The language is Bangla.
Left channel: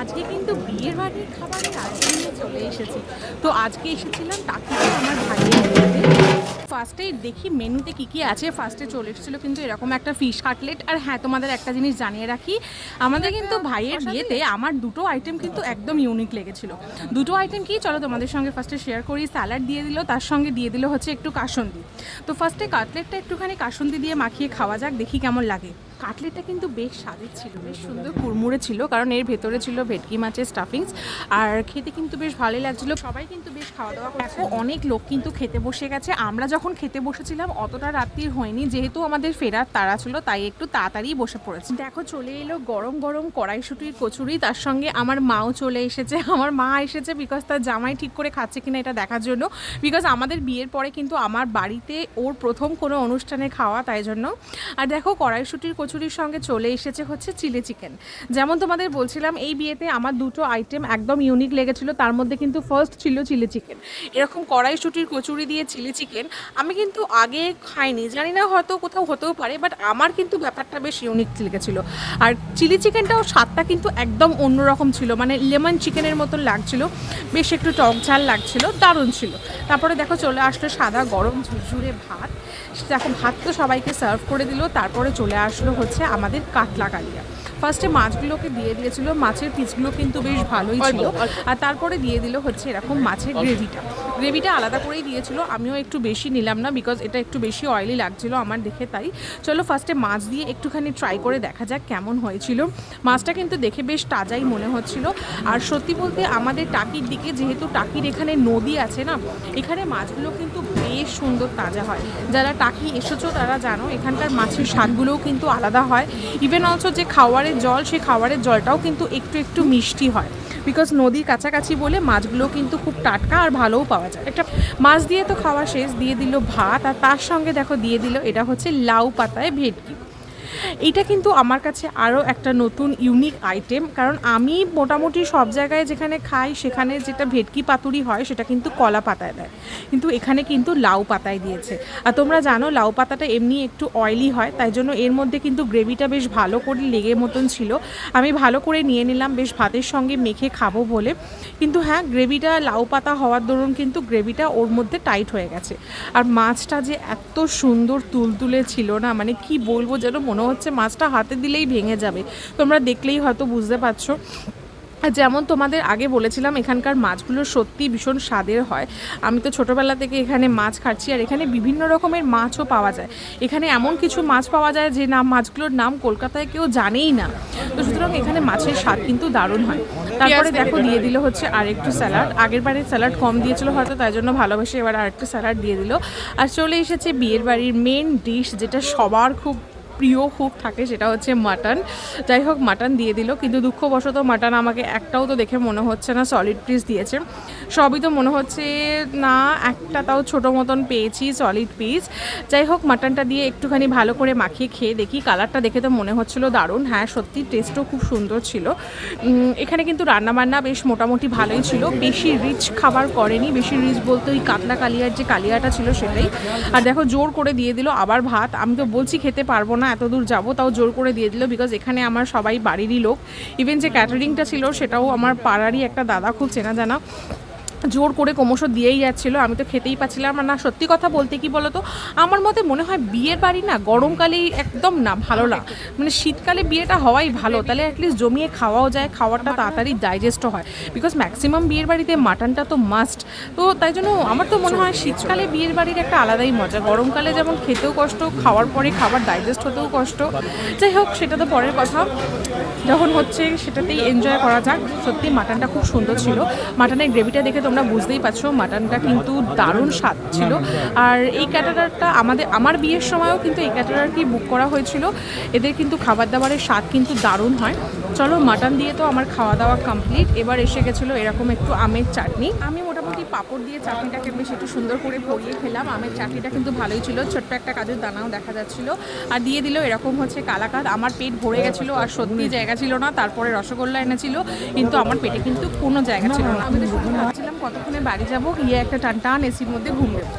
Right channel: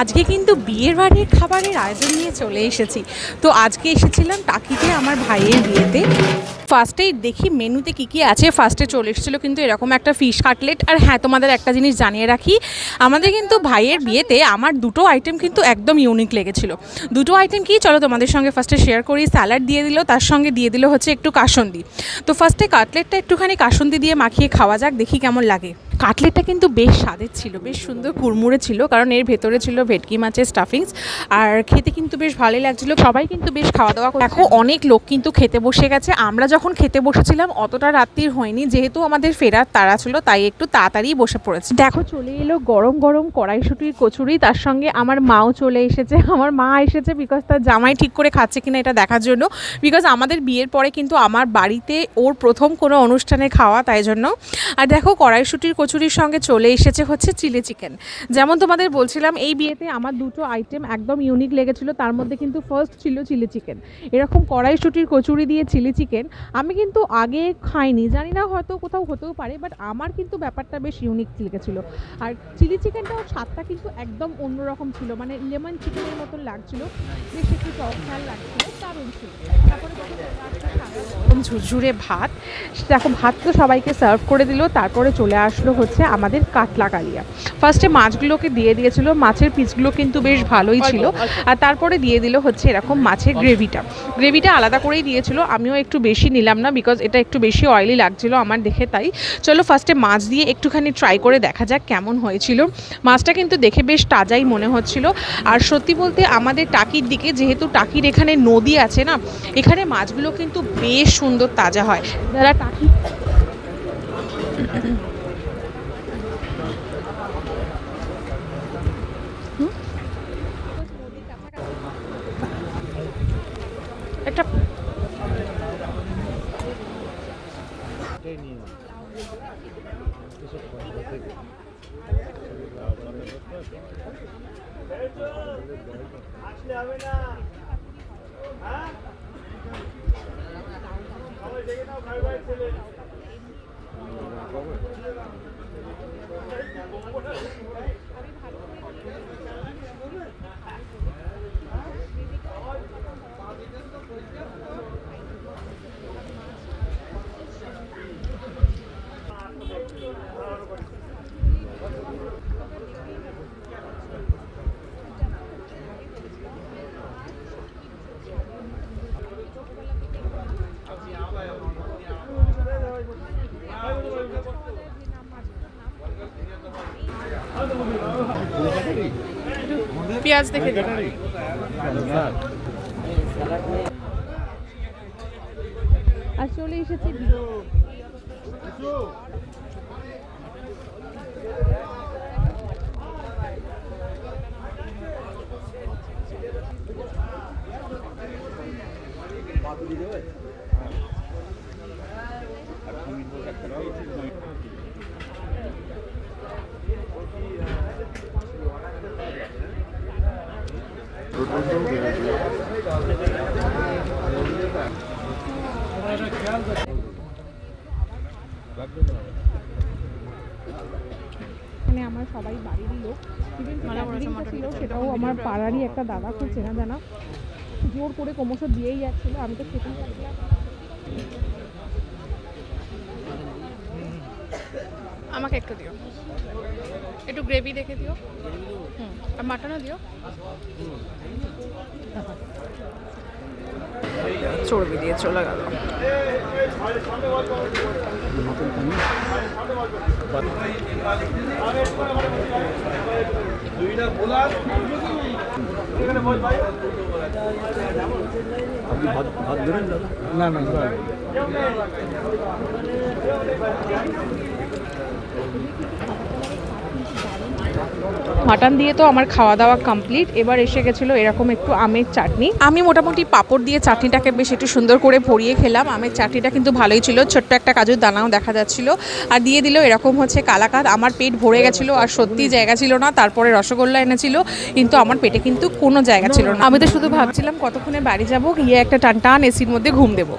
আজকে কিন্তু বিয়ের বাড়ির খাবারের আয়োজন নিয়ে চলে এসেছি। তো আজকে এসেছিলাম টাকিতে আমার ভাইয়ের বিয়েতে। ফার্স্টেই দেখি মেনুতে কী কী আছে। ফার্স্টে চলে এসেছিল কিন্তু এরকম একটা ফিশ কাটলেট আর হ্যাঁ তোমাদের একটা জিনিস জানিয়ে রাখি, আমাদের কিন্তু ভাইয়ের বিয়েতে আমার দুটো আইটেম কিন্তু একদম ইউনিক লেগেছিল। দুটো আইটেম কি, চলো তোমাদের সঙ্গে ফার্স্টে শেয়ার করি। স্যালাড দিয়ে দিল, তার সঙ্গে দিয়ে দিল হচ্ছে একটু কাসন্দি। তো ফার্স্টে কাটলেটটা একটুখানি কাসন্দি দিয়ে মাখিয়ে খাওয়া যাক, দেখি কেমন লাগে। কাটলেটটা কিন্তু বেশ স্বাদের ছিল, বেশ সুন্দর কুড়মুড়ে ছিল, কারণ এর ভেতরে ছিল ভেটকি মাছের স্টাফিংস আর খেতে কিন্তু বেশ ভালোই লাগছিল, সবাই কিন্তু বেশ খাওয়া দাওয়া দেখো অনেক লোক কিন্তু খেতে বসে গেছে, আমরা যখন খেতে বসেছিলাম অতটা রাত্রির হয়নি, যেহেতু আমাদের ফেরার তাড়া ছিল, তাই একটু তাড়াতাড়ি বসে পড়েছে। দেখো চলে এলো গরম গরম কড়াইশুটির কচুরি, তার সঙ্গে আমার মাও চলে এসেছে, আমার মা এসেছে বিকজ তার জামাই ঠিক করে খাচ্ছে কিনা এটা দেখার জন্য বিকজ আমাদের বিয়ের পরে কিন্তু আমার বাড়িতে ওর প্রথম কোনো অনুষ্ঠানে খাওয়া, তাই জন্য। আর দেখো কড়াইশুটির কচুরির সঙ্গে চলে এসেছে হচ্ছে চিলি চিকেন। যেমন তোমাদের বলছিলাম, এই বিয়েতে আমার দুটো আইটেম একদম ইউনিক লেগেছিল, তার মধ্যে কিন্তু ফার্স্ট ছিল চিলি চিকেন। এরকম কড়াইশুটির কচুরি দিয়ে চিলি চিকেন, আমি কিন্তু আগে খাইনি, জানি না হয়তো কোথাও হতেও পারে বাট আমার কিন্তু ব্যাপারটা বেশ ইউনিক লেগেছিল। আর চিলি চিকেনটাও স্বাদটা কিন্তু একদম অন্যরকম ছিল মানে লেমন চিকেনের মতন লাগছিল, বেশ একটু টক ঝাল লাগছিল, দারুণ ছিল। তারপরে দেখো চলে আসলো সাদা গরম ঝুরঝুরে ভাত। দেখো ভাত তো সবাইকে সার্ভ করে দিল, তারপরে চলে আসলো হচ্ছে আমাদের কাতলা কালিয়া ফার্স্টে মাছগুলোকে দিয়ে দিয়েছিল মাছের পিসগুলো কিন্তু বেশ ভালোই ছিল। আর তারপরে দিয়ে দিল হচ্ছে এরকম মাছের গ্রেভিটা গ্রেভিটা আলাদা করেই দিয়েছিল। আমিও একটু বেশি নিলাম না বিকজ এটা একটু বেশি অয়েলি লাগছিল আমার দেখে তাই। চলো ফার্স্টে মাছ দিয়ে একটুখানি ট্রাই করে দেখা যাক কেমন হয়েছিল। মাছটা কিন্তু দেখে বেশ তাজাই মনে হচ্ছিল। আর সত্যি বলতে আমাদের টাকির দিকে যেহেতু টাকির এখানে নদী আছে না, এখানে মাছগুলো কিন্তু বেশ সুন্দর তাজা হয়। যারা টাকি এসেছ তারা জানো এখানকার মাছের স্বাদগুলোও কিন্তু আলাদা হয়। ইভেন অলসো যে খাওয়ারের জল, সেই খাওয়ারের জলটাও কিন্তু একটু একটু মিষ্টি হয়। বিকজ নদীর কাছাকাছি বলে মাছগুলো কিন্তু খুব টাটকা আর ভালোও পাওয়া যায় একটা মাছ দিয়ে তো খাওয়া শেষ, দিয়ে দিল ভাত, আর তার সঙ্গে দেখো দিয়ে দিল, এটা হচ্ছে লাউ পাতায় ভেটকি। এইটা কিন্তু আমার কাছে আরও একটা নতুন ইউনিক আইটেম কারণ আমি মোটামুটি সব জায়গায় যেখানে খাই, সেখানে যেটা ভেটকি পাতুরি হয়, সেটা কিন্তু কলা পাতায় দেয়। কিন্তু এখানে কিন্তু লাউ পাতায় দিয়েছে। আর তোমরা জানো, লাউ পাতাটা এমনি একটু অয়েলি হয়, তাই জন্য এর মধ্যে কিন্তু গ্রেভিটা বেশ ভালো করে লেগে মতন ছিল। আমি ভালো করে নিয়ে নিলাম, বেশ ভাতের সঙ্গে মেখে খাব বলে। কিন্তু হ্যাঁ গ্রেভিটা লাউ পাতা হওয়ার দরুন কিন্তু গ্রেভিটা ওর মধ্যে টাইট হয়ে গেছে। আর মাছটা যে এত সুন্দর তুলতুলে ছিল না মানে কি বলব যেন মনে হচ্ছে মাছটা হাতে দিলেই ভেঙে যাবে। তোমরা দেখলেই হয়তো বুঝতে পারছ। আর যেমন তোমাদের আগে বলেছিলাম এখানকার মাছগুলো সত্যি ভীষণ স্বাদের হয়। আমি তো ছোটোবেলা থেকে এখানে মাছ খাচ্ছি আর এখানে বিভিন্ন রকমের মাছও পাওয়া যায়। এখানে এমন কিছু মাছ পাওয়া যায় যে নাম মাছগুলোর নাম কলকাতায় কেউ জানেই না। তো সুতরাং এখানে মাছের স্বাদ কিন্তু দারুণ হয়। তারপরে দেখো দিয়ে দিল হচ্ছে আরেকটু স্যালাড। আগের বারে স্যালাড কম দিয়েছিল হয়তো তাই জন্য ভালোবেসে এবার আরেকটু স্যালাড দিয়ে দিল। আর চলে এসেছে বিয়ের বাড়ির মেন ডিশ যেটা সবার খুব প্রিয় খুব থাকে, সেটা হচ্ছে মাটন। যাই হোক, মাটন দিয়ে দিল, কিন্তু দুঃখবশত মাটন আমাকে একটাও তো দেখে মনে হচ্ছে না সলিড পিস দিয়েছে। সবই তো মনে হচ্ছে না, একটা তাও ছোটো মতন পেয়েছি সলিড পিস যাই হোক, মাটনটা দিয়ে একটুখানি ভালো করে মাখিয়ে খেয়ে দেখি কালারটা দেখে তো মনে হচ্ছিল দারুণ। হ্যাঁ সত্যি টেস্টও খুব সুন্দর ছিল। এখানে কিন্তু রান্নাবান্না বেশ মোটামুটি ভালোই ছিল। বেশি রিচ খাবার করেনি, বেশি রিচ বলতে ওই কাতলা কালিয়ার যে কালিয়াটা ছিল সেটাই। আর দেখো, জোর করে দিয়ে দিল, আবার ভাত। আমি তো বলছি খেতে পারব না এত দূর যাব তাও জোর করে দিয়ে দিল বিকজ এখানে আমার সবাই বাড়িরই লোক। ইভেন যে ক্যাটারিংটা ছিল সেটাও আমার পাড়ারই একটা দাদা খুব চেনা জানা। জোর করে ক্রমশ দিয়েই যাচ্ছিল আমি তো খেতেই পাচ্ছিলাম আর না। সত্যি কথা বলতে কি বলতো আমার মতে মনে হয় বিয়ের বাড়ি না গরমকালেই একদম না ভালো লাগে মানে শীতকালে বিয়েটা হওয়াই ভালো তাহলে অ্যাটলিস্ট জমিয়ে খাওয়াও যায় খাওয়াটা তাড়াতাড়ি ডাইজেস্টও হয়। বিকজ ম্যাক্সিমাম বিয়ের বাড়িতে মাটনটা তো মাস্ট তো তাই জন্য আমার তো মনে হয় শীতকালে বিয়ের বাড়ির একটা আলাদাই মজা। গরমকালে যেমন খেতেও কষ্ট খাওয়ার পরে খাবার ডাইজেস্ট হতেও কষ্ট। যাই হোক সেটা তো পরের কথা। যখন হচ্ছে সেটাতেই এনজয় করা যাক। সত্যি মাটনটা খুব সুন্দর ছিল। মাটনের গ্রেভিটা দেখে তোমরা বুঝতেই পারছ মাটনটা কিন্তু দারুণ স্বাদ ছিল। আর এই ক্যাটারারটা আমাদের, আমার বিয়ের সময়ও কিন্তু এই ক্যাটারারটি বুক করা হয়েছিল। এদের কিন্তু খাবার দাবারের স্বাদ কিন্তু দারুণ হয়। চলো মাটন দিয়ে তো আমার খাওয়া দাওয়া কমপ্লিট এবার এসে গেছিল এরকম একটু আমের চাটনি। আমি মোটামুটি পাঁপড় দিয়ে চাটনিটাকে বেশ একটু সুন্দর করে ভরিয়ে খেলাম। আমের চাটনিটা কিন্তু ভালোই ছিল। ছোট্ট একটা কাজুর দানাও দেখা যাচ্ছিল। আর দিয়ে দিল এরকম হচ্ছে কালাকাত আমার পেট ভরে গেছিল আর সত্যি জায়গা ছিল না। তারপরে রসগোল্লা এনেছিল। কিন্তু আমার পেটে কিন্তু কোনো জায়গা ছিল না। আমি তো শুধু ভাবছিলাম কতক্ষণে বাড়ি যাব? গিয়ে একটা টান টান এসির মধ্যে ঘুম দেবো।